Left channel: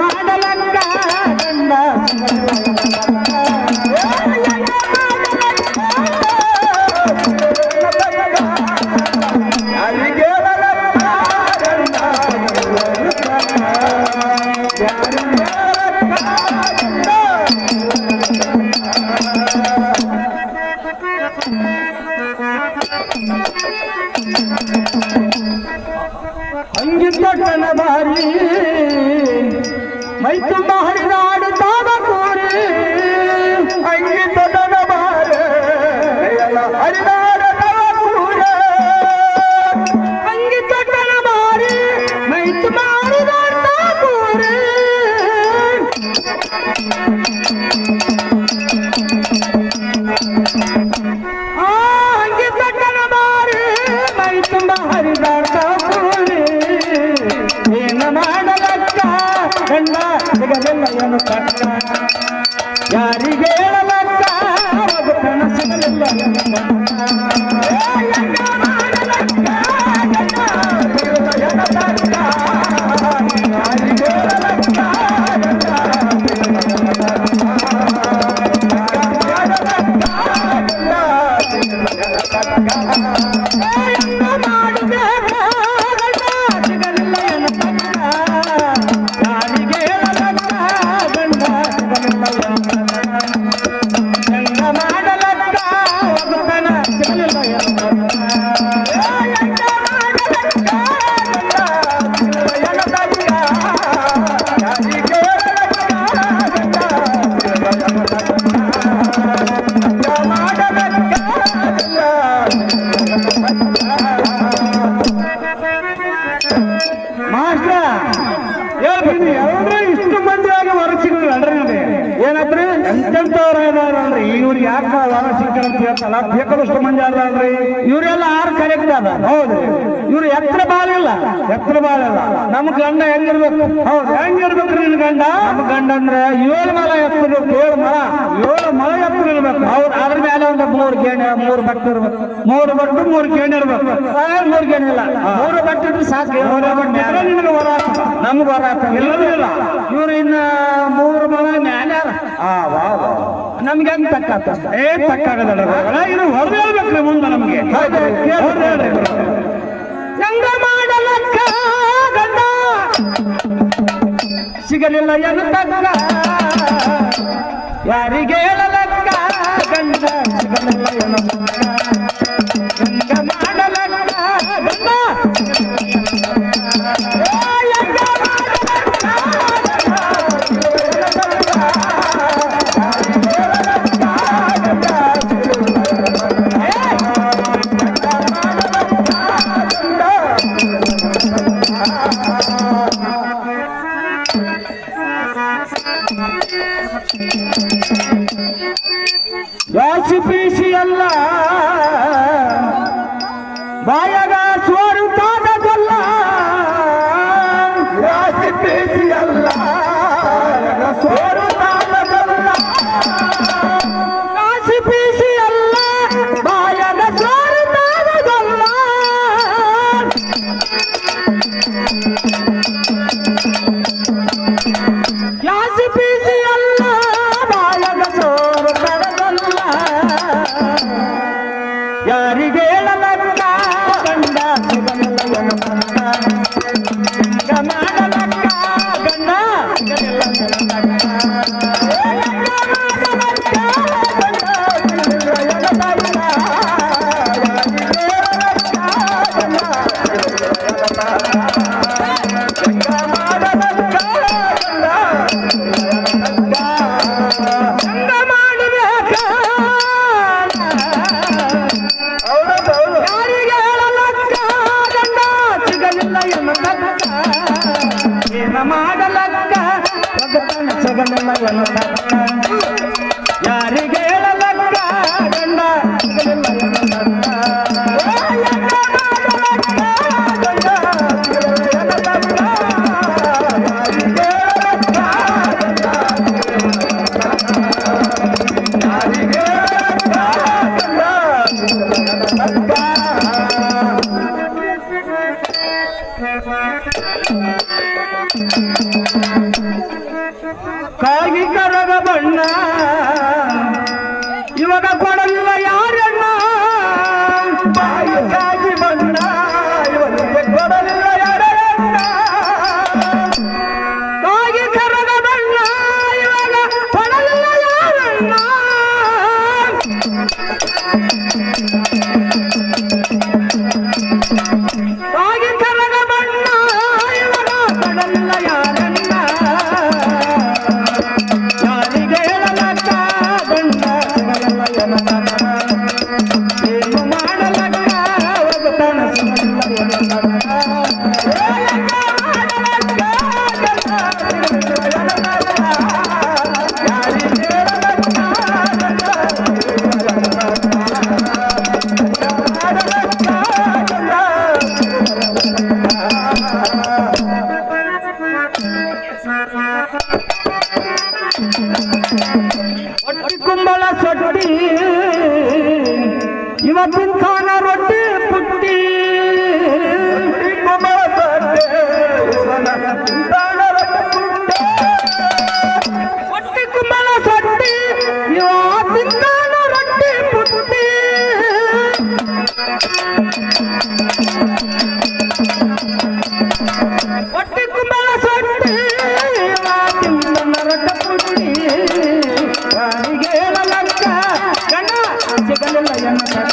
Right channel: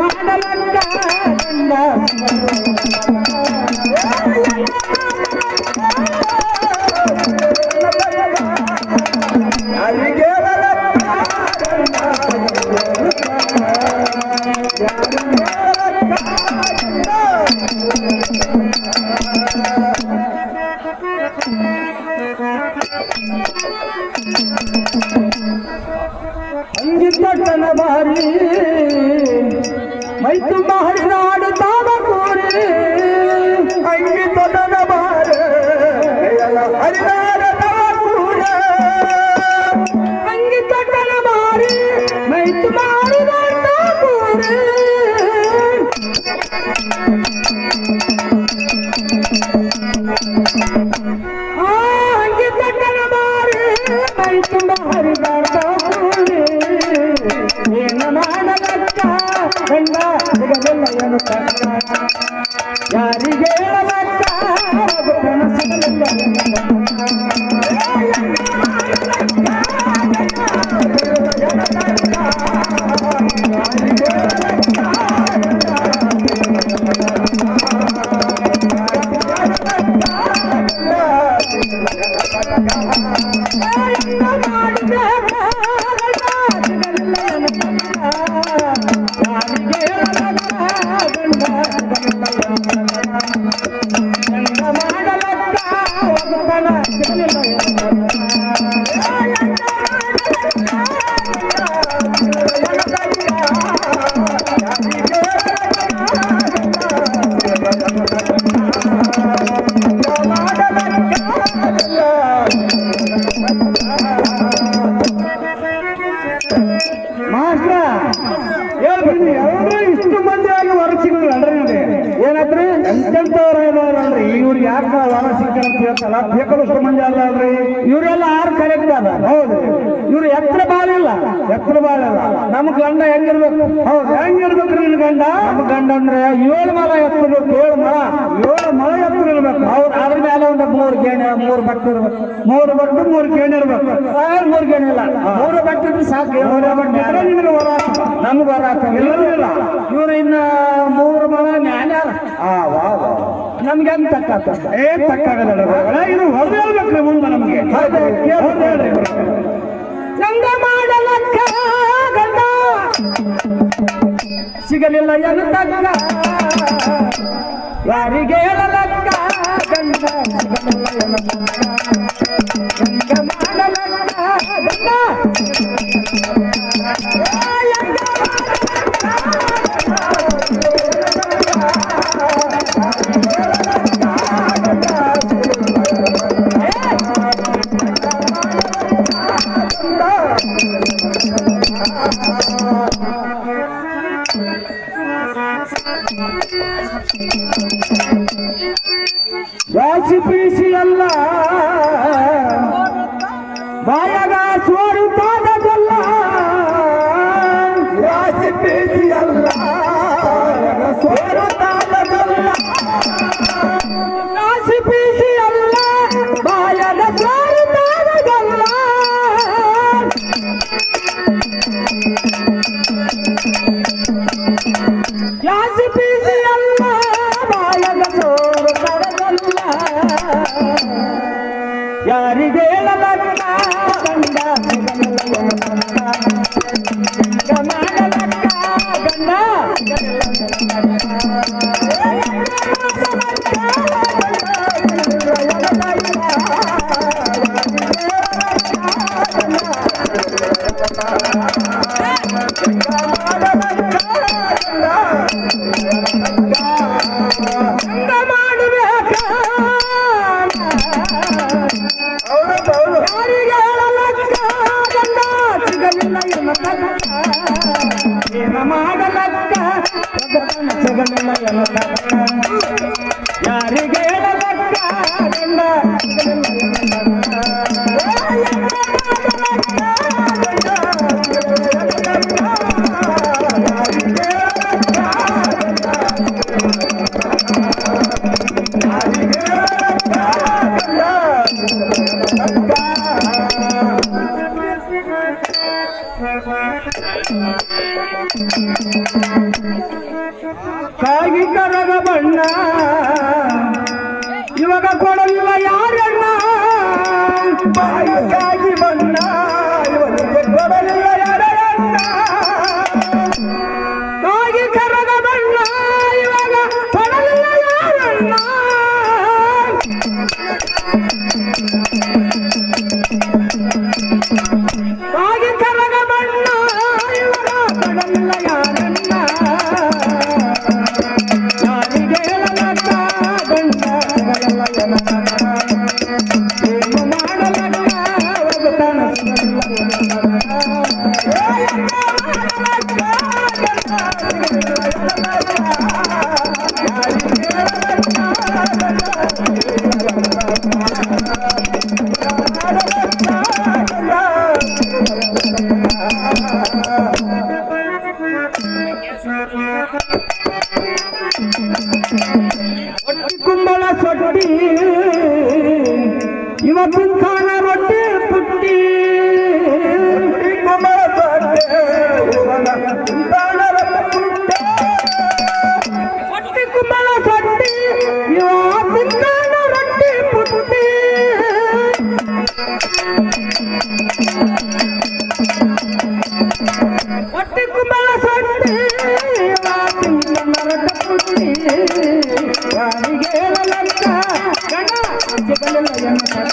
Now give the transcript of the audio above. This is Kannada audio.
ಮಾಡಲಕ್ಕ ಗಂಡ ಅಂಗಿತನ ಬಾರಿ ಮೈ ತುಂಬ ಹರಿದಾಡುತ್ತಾವ ಕೂರಿ ಅಂಗಿತನ ಬಾರಿ ಹರಿದಾಡುತ್ತಾವ ಕೂರ ಅಂಗಿತನ ಬಾರಿ ಮೈ ತುಂಬ ಹರಿದಾಡುತ್ತಾವ ಕೂರಿ ಅಂಗಿತನ ಬಾರಿ ಮೈ ತುಂಬ ಹರಿದಾಡುತ್ತಾವ ಗಂಡ ಸಿಗಲಿಲ್ಲ ಏನು ಕಷ್ಟ ಯಾರಿಗೆ ಹೇಳಲಕ್ಕ ಒಬ್ಬತನ ಸಿಗಲಿಲ್ಲ ಇಷ್ಟು ಮಂದಿ ಆಗಿ ವರಸಿಗಳು ಅಲ್ರಿ ಏನಂದ್ರಿ ಎಂತೆಂತವ್ರ ಇದಾವ್ರಲ್ರಿ ಇವ್ರು ಯಾಕೆ ವರ ಸಿಗ್ತಾರ ಅಂತ ಹೇಳ್ತಲ್ಲ ಬೇಕಾದಷ್ಟು ಮಂದಿ ಅಲ್ಲ ಅಲ್ರಿ ಇವರೆಲ್ಲ ಆರು ಕರೆಕ್ಟ್ ಅದ ಹೌದ್ರಿ ಇವ್ರು ಎತ್ತರ ಬಾಳಿಲ್ಲ ನಮ್ ಗಂಡ ಹೆಂಗಿರ್ಬೇಕು ಹೌದು ಹೆಂಗಿರ್ಬೇಕ್ರಿ ನಿನ್ ಗಂಡ ನಮ್ ಗಂಡ ಅಂದ್ರೆ 7 ಮೊಳ ಎತ್ತಿರ್ಬೇಕು 7 ಮೊಳ ಎತ್ತರ ಇರ್ಬೇಕು ಅವ್ರು ಅದ್ರ ಮೇಲೆ ಒಂದು 3 ಗೇಣೆ 3 ಬಟ್ಟೆ ಇರ್ಬೇಕು 3 ಬಟ್ಟು 3 ಗೇಣೆ ಇರ್ಬೇಕು 3 ಗೇಣೆ ಇಲ್ಲ 3 ಬಟ್ಟೆ ಇದ್ರೆ ಸಾಕು ನಿಮ್ಗೆ ವರ ನಮ್ಗೆ ವರ ಇಲ್ಲ ಇವ್ರು ಇನ್ನ 3 ಮೊಳ ಮೇಲೆ ನಮ್ಗೆ ಹೆಂಗ್ ತಕ್ಕ ತಕ್ಕಾಗಲ್ಲ ಇದು ಹೊರದು ಹೇಳ್ಬೇಕ್ರಿ ಮುಂದೆ ನಮ್ಗೆ ಹೆಂಗ ಮಾಡಲಕ್ಕ ಗಂಡ ಸಿಗಲಿಲ್ಲ ಏನು ತಕ್ಕ ಯಾರಿಗೆ ಹೇಳಲಕ್ಕ ಗಂಡ ಸಿಗಲಿಲ್ಲ ಏನು ಹೆಂಗ ಮಾಡಲಕ್ಕ ಗಂಡ ವಾಸಿ ಪೀಸಿ ಎಲ್ಲ ಬಾಯಗ ಸ್ವರುತ್ತಾದಲ್ಲ ವಾಸಿ ಪೀಸಿ ಎಲ್ಲ ಸ್ವರುತ್ತಾದಲ್ಲ ವಾಸಿ ಪೀಸಿ ಎಲ್ಲ ಬಾಯಗ ಸ್ವರುತ್ತಾದಲ್ಲ ವಾಸಿ ಪೀಸಿ ಎಲ್ಲ ಬಾಯಗ ಸ್ವರುತ್ತಾದಲ್ಲ ಯಾರಿಗೆ ಹೇಳಲಕ್ಕ ಗಂಡ ಮಾಡಲಕ್ಕ ಯಾರಿಗೆ ಹೇಳಲಕ್ಕ ಗಂಡ ಕುಂಬಳ ಸೊಟ್ಟಿ ಇವತ್ತಿನ ಕಾಲ ರೊಟ್ಟಿ ಪುಟ್ಟಿ ಕುಂಬಳ ಹೊಟ್ಟಿ ಕುಂಬಳ ಸೊಟ್ಟಿ ಇವತ್ತಿನ ಕಾಲ ರೊಟ್ಟಿ ಪುಟ್ಟಿ ಹೊಟ್ಟಿ ಕುಂಬಳ ಸೊಟ್ಟಿ ಇವತ್ತಿನ ರೊಟ್ಟಿ ಪುಟ್ಟಿ ಗಂಡ ಸಿಗಲಿಲ್ಲ ಎನ್ನ